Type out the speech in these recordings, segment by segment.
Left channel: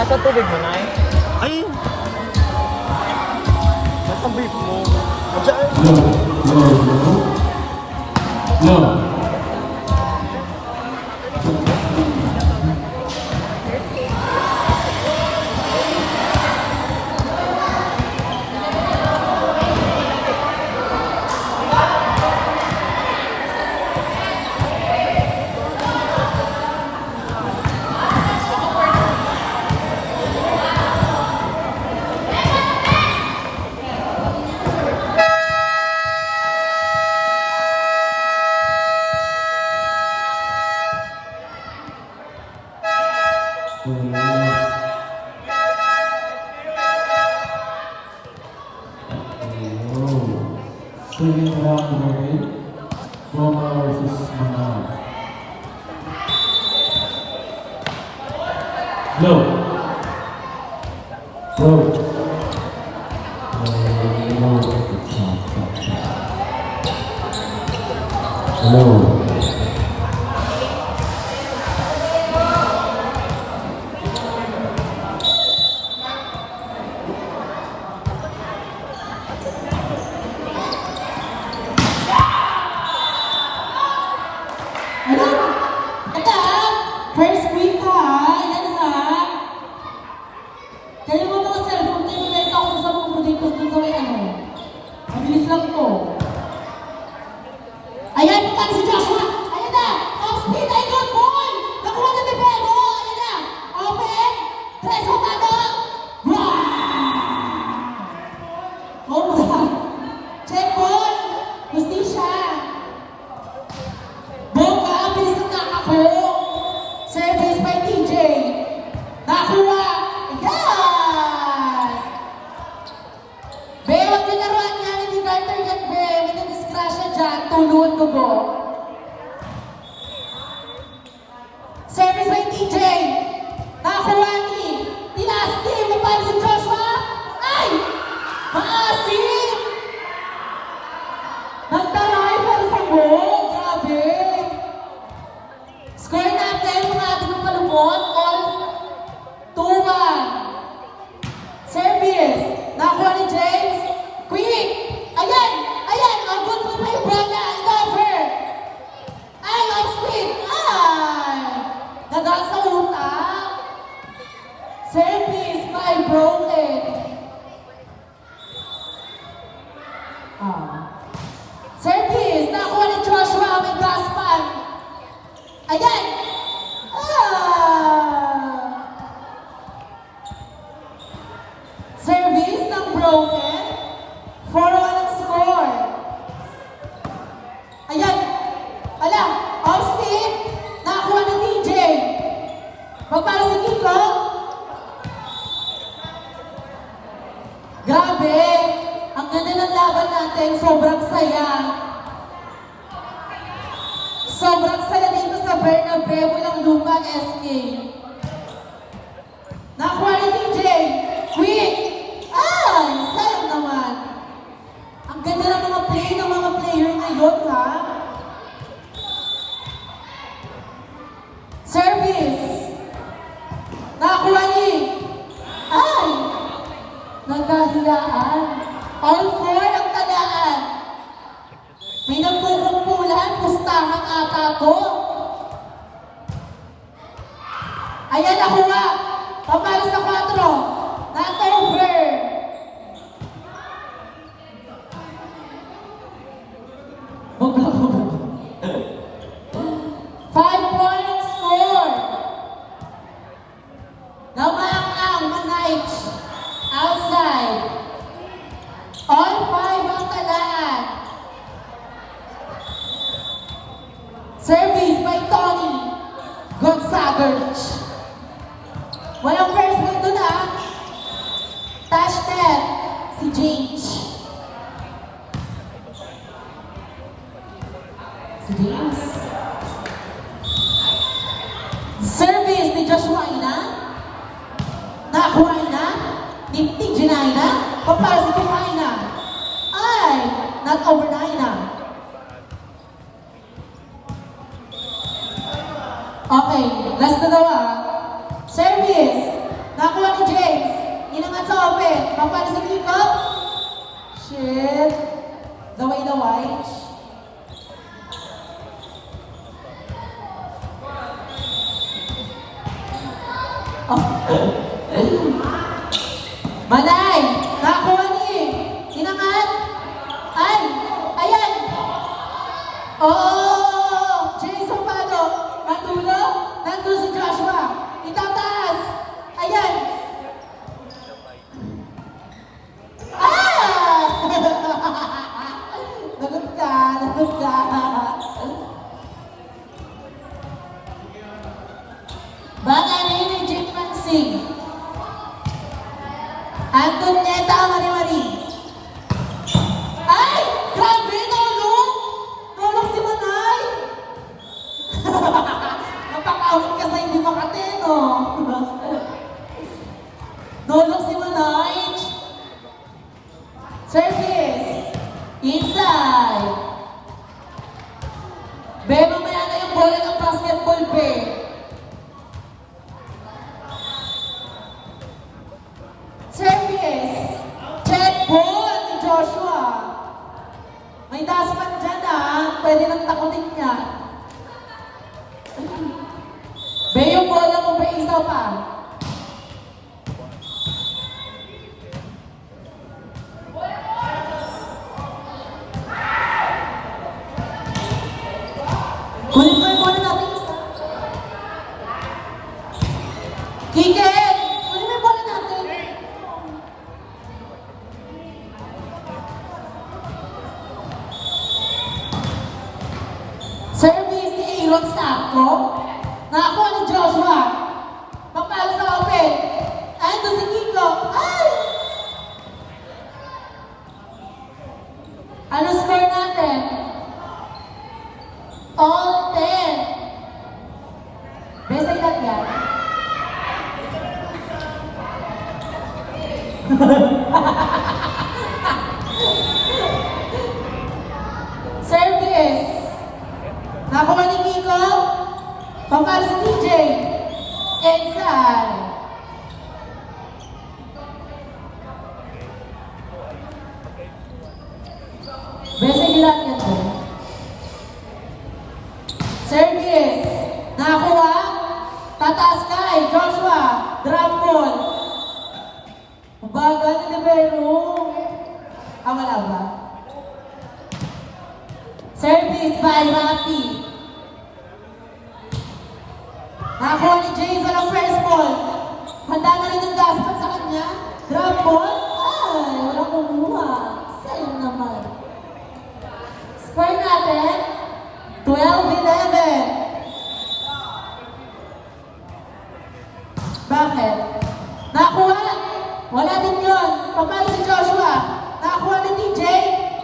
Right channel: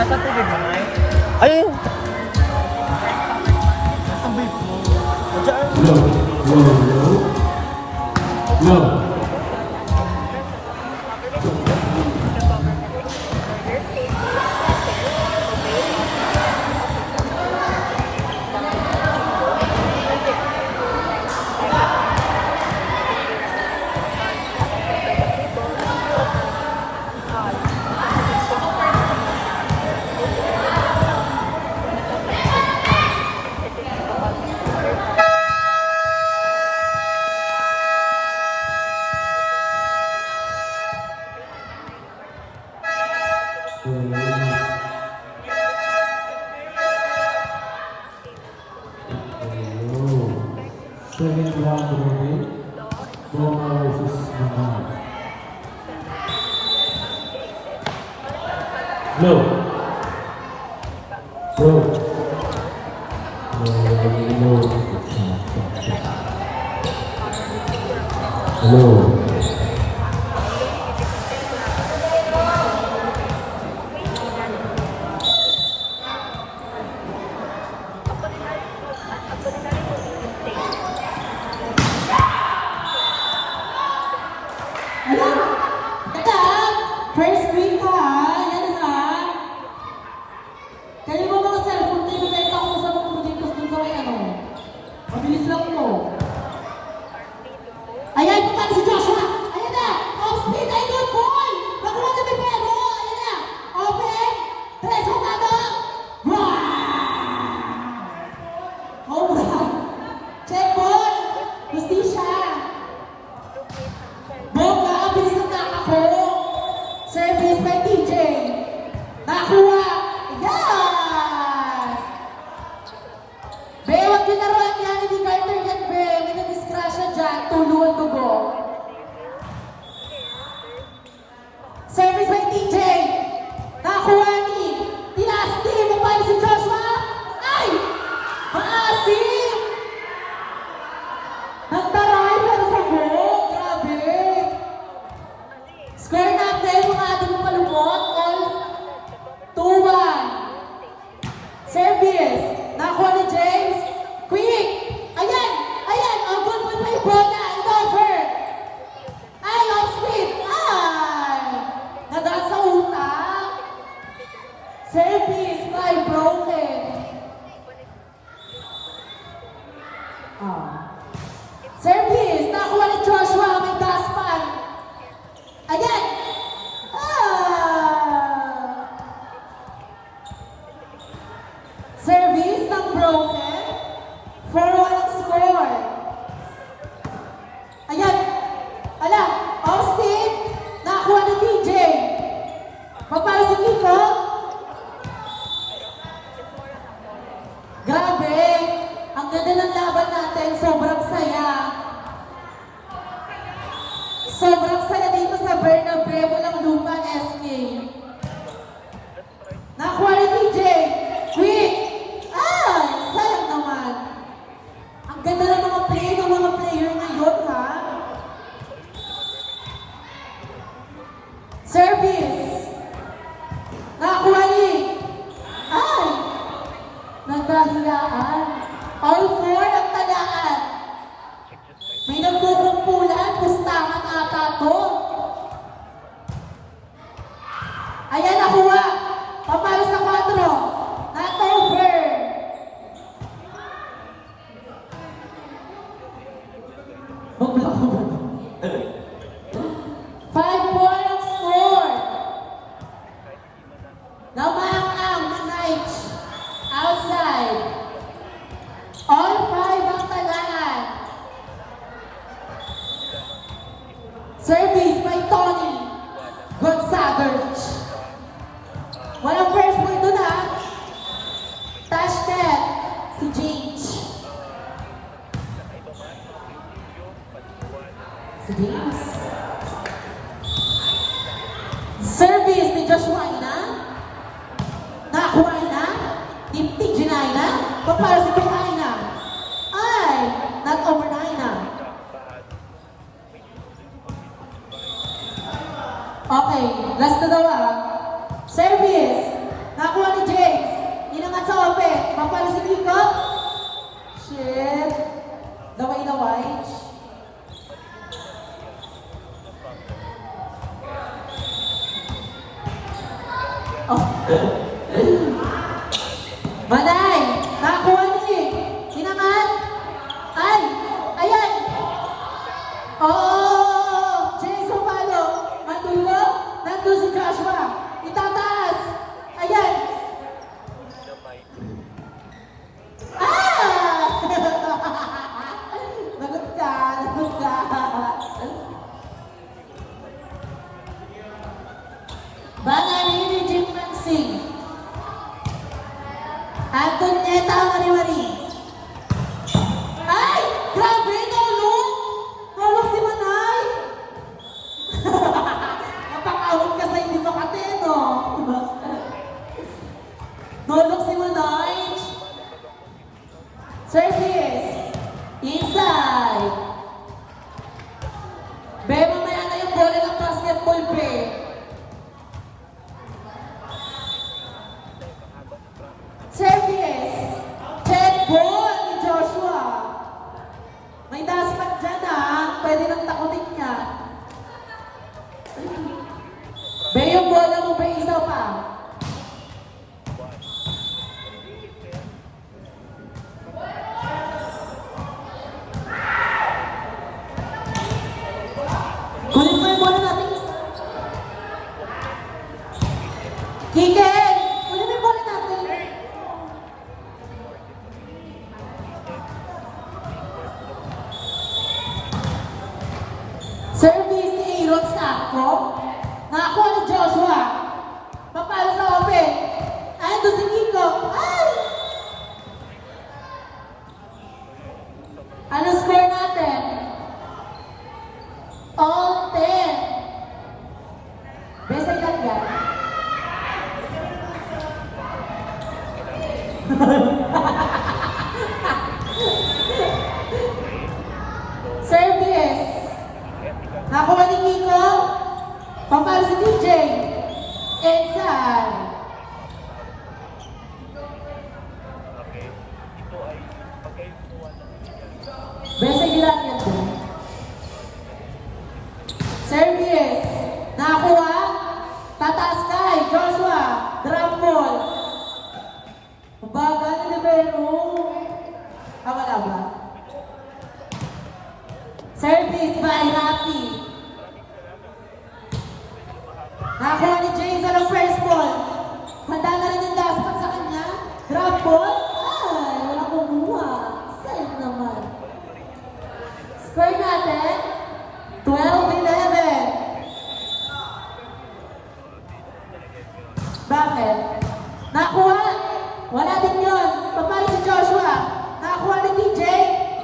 Nasa tubig mo, Nay? Ay! Nasa tubig mo. Diyan. No. Second round robin, Roma versus Manal. Low. Low. Low. First week ha, yan ha. Kaya mo mga cellphone tayo na ito ako sa mga dito sa may ano. Mabilis lang to. Ayan, punta si Joshua. Ayan na. Off speed, ay good ball. Nakuha na ni Pedro. Ayan na. Open. Tres Hotado. Home run. Check ball. Justisya. Bongga, bilis ng nakako. Service by TJ. Nakuha. Yes! Be, huwag din naruan niya. Hindi Carter yan, Be. May nadisgrasya dyan. Tuluan dugo. Service by TJ. Nakuha ni Tinasti. Mapali si Joshua. Ay! Maasim! Nagtaray pero sa go. Grabe. Square natin kung natin yung malumot. All 2-1. Service. Nakuha ni James. Quick. Ayan. Ayan. Ang good point pa yung bola. Over. Ay, off speed. Ay. Nadal sa utak. Service by broken. Service. Nakuha ni Joshua. May gaspan. Ayan! Service ng broken. 4-1 ang score. Ayan! Ala! Off speed. Nakakuha ni TJ. Magpala si Kiko. Grabe! Ang ganda ng laban natin. Sobrang saya. Sobrang saya dito sa Bernabeu, walang lupa, SK. Nakuha ni TJ. Quick! Ay! Sayang naman. Ang ganda ng mga play ng mga player ngayon, ha? Service. Nakuha ni. Ay! Nagkahiyaan. All 4 ang talaan. May nagkukumpulan, pustahan ata to. Ayan, nakuha. Papalo sa 4. Not over. Five points score. Namang Manite. Outside. All 5 ang talaan. Service by Tony Gonzagos. Walang first point doon ha. Touch net si James. Si James. Service ni Joshua Ina. Nakakuha na. Ni TJ na. Papara si Kumaina. Ay! Not over na Ina. Okay, last na daw ah. Service. Nakuha Inangat sa open. Papalo si Kiko. Shit. Laway-laway. Oh. Manay! Nakakuha ni! Sinangan! Ay! Ayan! Oh! Jason Palo! Matulo! Nandun si Joshua! Itataas! Ayan! Ah! Lagot ka! Lagot ka! Bagay na yun ni Jim Mansing. Antonieta Mari-Mari. Ay! Grabe! Nalong! Nalong si Manay! Mapakawin ka sa hindi makateno. Nalong si Manay. Service. Inside. Be, mamaya na yung bola ng basketball, be. Service. Check ball ni Joshua. May daspat dyan pwede nang takutin niya. Be, yung bola mo, be, isa pa. Kunin mo yung bola natin isa. Kiken! Kunin mo yung bola natin. Service ni Aaron Sacco. Nakakuha ni Joshua. Papalo sa open. Ando si Kiko. Ay! Ano score natin? All 10. Besa ilan yan? Service. Nakuha ni Kiko. Papalo si DJ. Inside. Besa ilan yan doon? Service. Nakuha. Tataas kay Joshua. Drop ball. Bagal ni Libero. Wala ba? Service by Rafi. Nakuha ni Jason ang first ball. Handa na rin yung gaspan sa kanya. Drop ball. Ay, wala kumuha. Sa'yo naman. Score natin. 12-11. Bakit? Nakuha. Wala din yun. Papalo si Joshua. Nakuha ni DJ.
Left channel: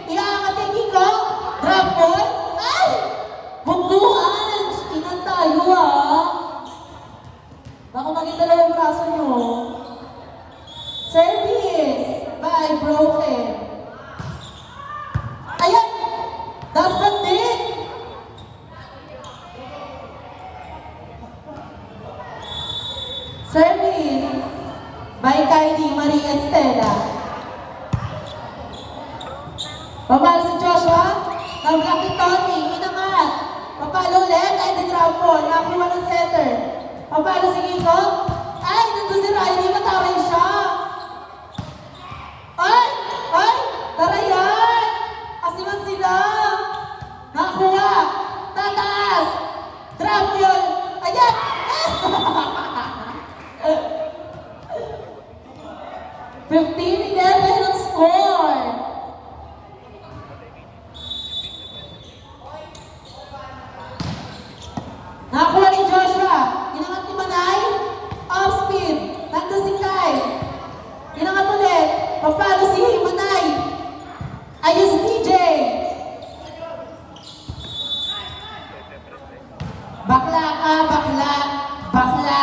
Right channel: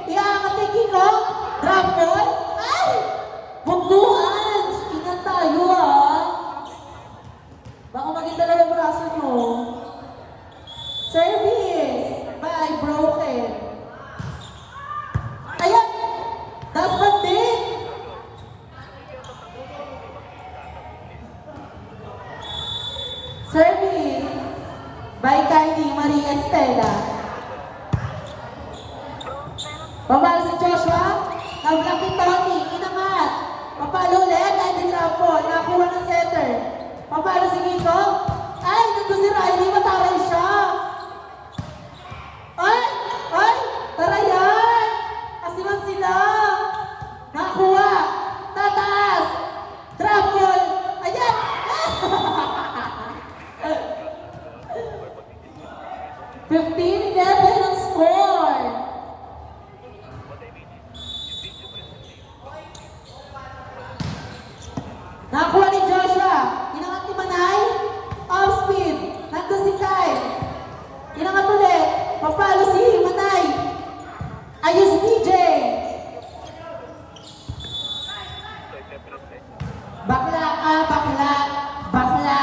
Iaangat ni Kiko. Drop ball. Ay! Bugduan! Inan tayo Baka maging dalawang braso nyo. Service by Broken. Ayan! That's the thing! Service by Kylie Maria Estela. Papalo si Joshua. Nablock ni Tony. Inangat. Papalo ulit. Ay, di drop ball. Nakuha ng center. Papalo si Kiko. Ay, nandun si Riley. Mataway siya. Ay! Ay! Tara yan! Asiman sila. Nakuha. Tataas. Drop ball. Ayan! 15-11 ang score. Nakuha ni Joshua. Inangat ni Manay. Off speed. Nandun si Kai. Inangat ulit. Papalo si Manay. Ayos DJ. Bakla ka, bakla. Bakla.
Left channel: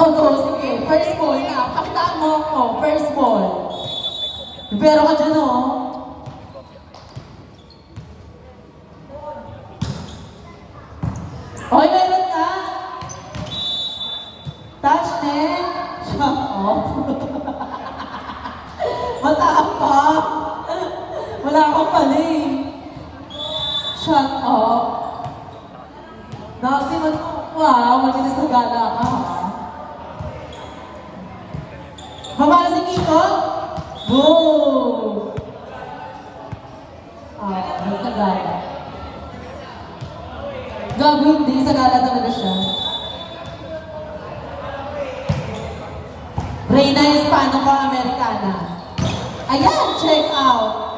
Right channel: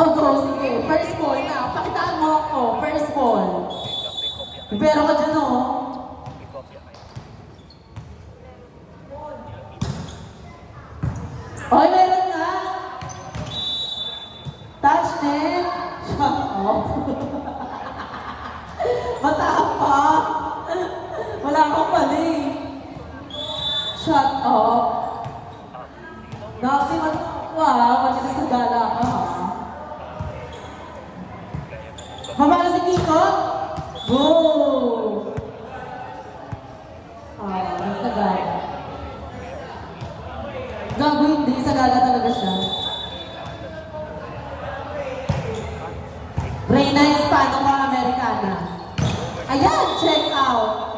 Oh, sige. First ball na. Pakitaan mo ako. First ball. Pero ka dyan, Oy, meron nga. Touch net. Matapang. Wala akong pali. Shut up. Nakasi man, wow, maginis na gala ka, ha? Baba na si Kiko. Boom! Nasa gala. Gago hindi, sa gala talaga siya. Reyna Hispano ka, Americana. Ayan, check out.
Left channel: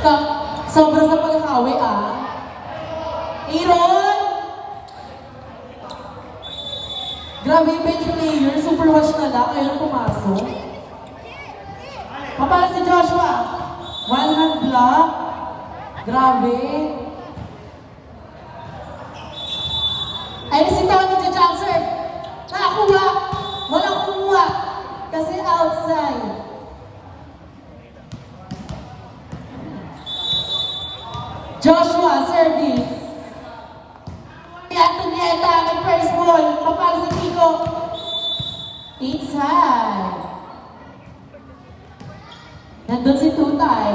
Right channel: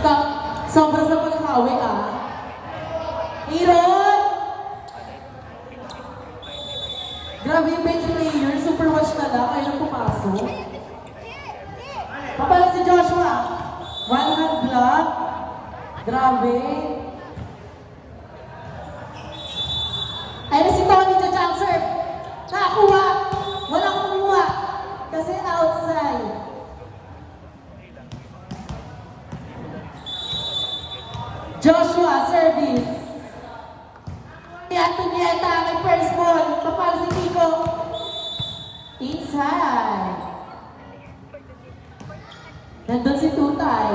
Ikaw, sobra sa paghahawi, ah. Aaron! Grabe yung bench player, super watch na lang, ayaw nang pumasok. Papala si Joshua. One hand block. Grabe. Ay, si Tony the Janser. Nakakuha. Walang kumuha. Kasi outside. Joshua, service. Si Antonieta, may first ball. Papala si Kiko. Inside. Nandun si Tutay.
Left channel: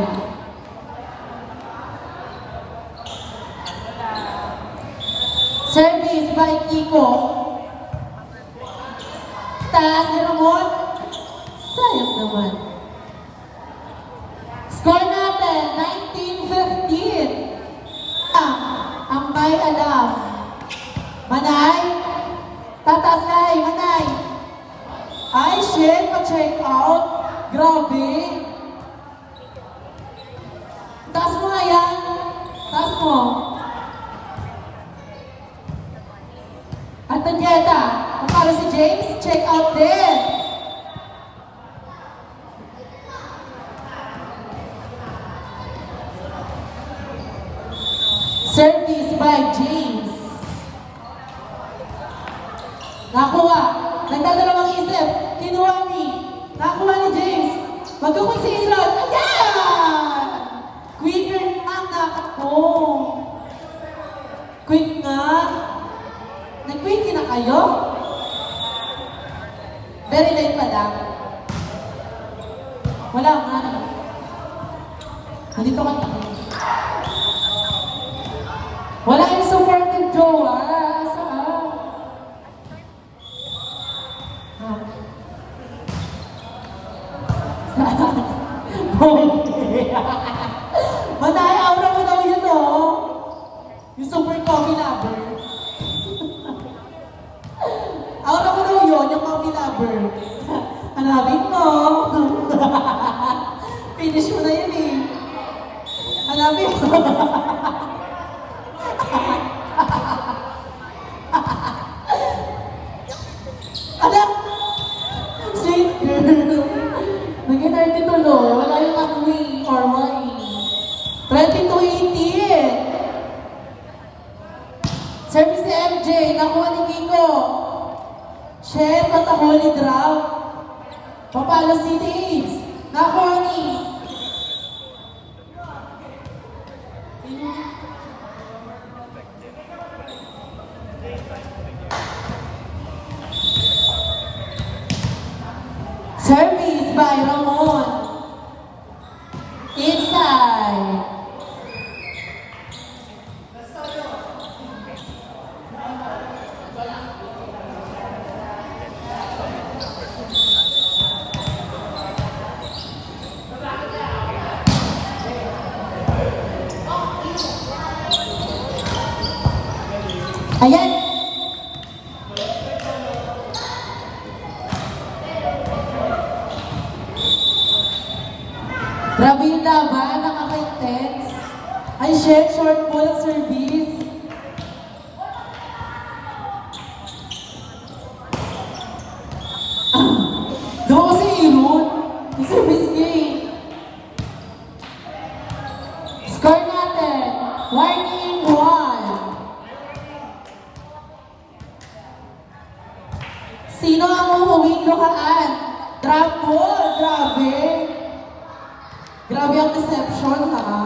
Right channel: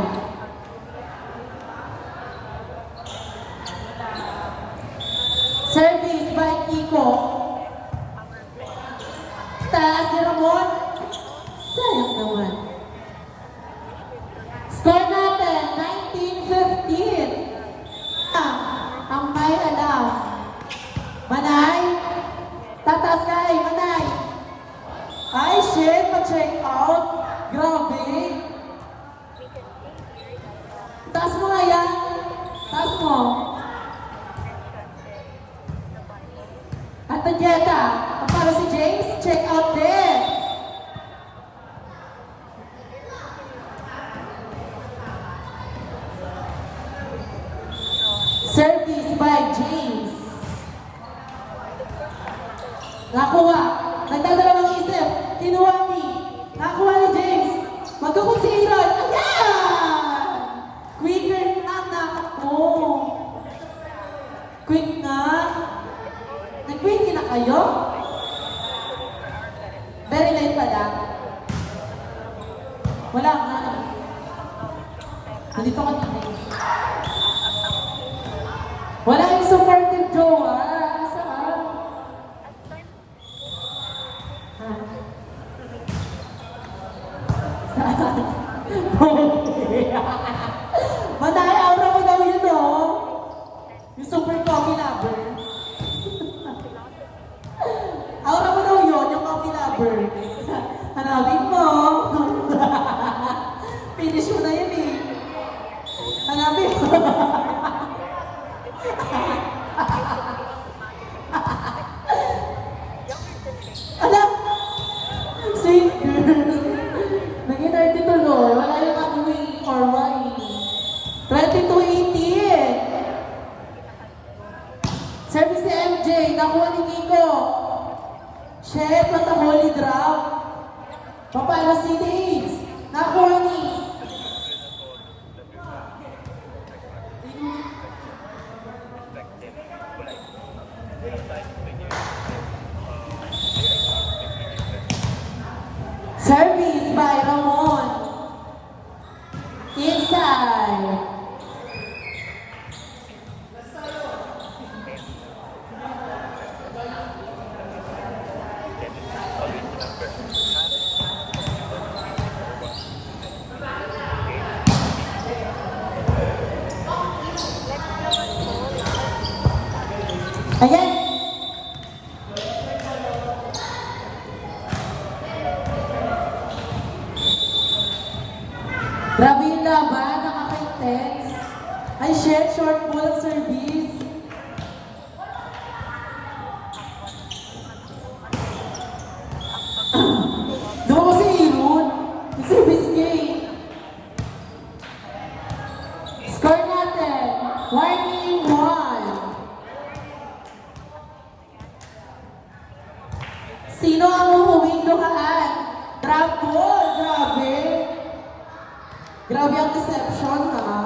Service by Kiko. Taas ni Ramon. Sayang naman. Score natin, 19-15. Ang may alam. Manay. Tatas kay Manay. Ay, shit. Pa-check out. Grabe. Taas mo nga yan. Taas mo. Antonieta. Para si James, check out din. Service by James. Nakuha. Nagdadalawang isip. Kinuha ni. Nakuha ni James. Magkukonsideran. Ayan! Quicker ang nakako. Quick nga. Nag-quick na kayo? Very late pala. Wala nga. Nandito ka na. Wala yung supportive jowa. Saan? Ha? Saan? Okay. Manay, aura mo daw yun, oh. Yung super coffee lover. Aura mo daw yun, yung coffee lover. Hanapin mo. Finish mo na yun, eh. Hanapin mo. Alam, sweet girl. Naging 30 tuloy. Wala yung wing or wine. 22-18. Service si MJ. Nakuha ni Kiko. Chef at a holy drop. Papalo si Daves. Nakuha ni. Service by Ramon. Inside. Ayan. Grabe yung laban, nakaka-intense. Ay, shit, short ball ang service. Doon ko si Aaron. Yung service game. Score natin. 1-1. Sino ang umuwing lukaan? Drop ball. Grabe. Grabe ang deception, ha?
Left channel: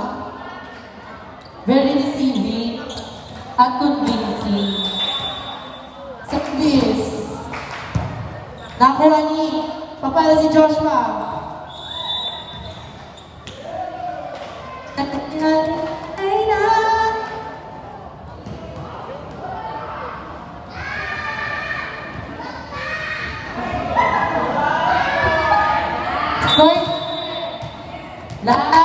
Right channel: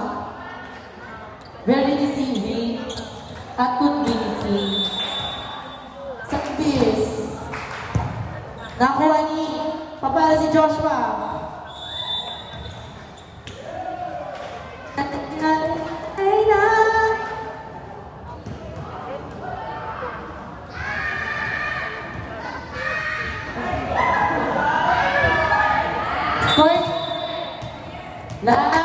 Very deceiving at convincing. Service. Nakuha ni Papalo si Joshua. Ay na. Score. Lahat.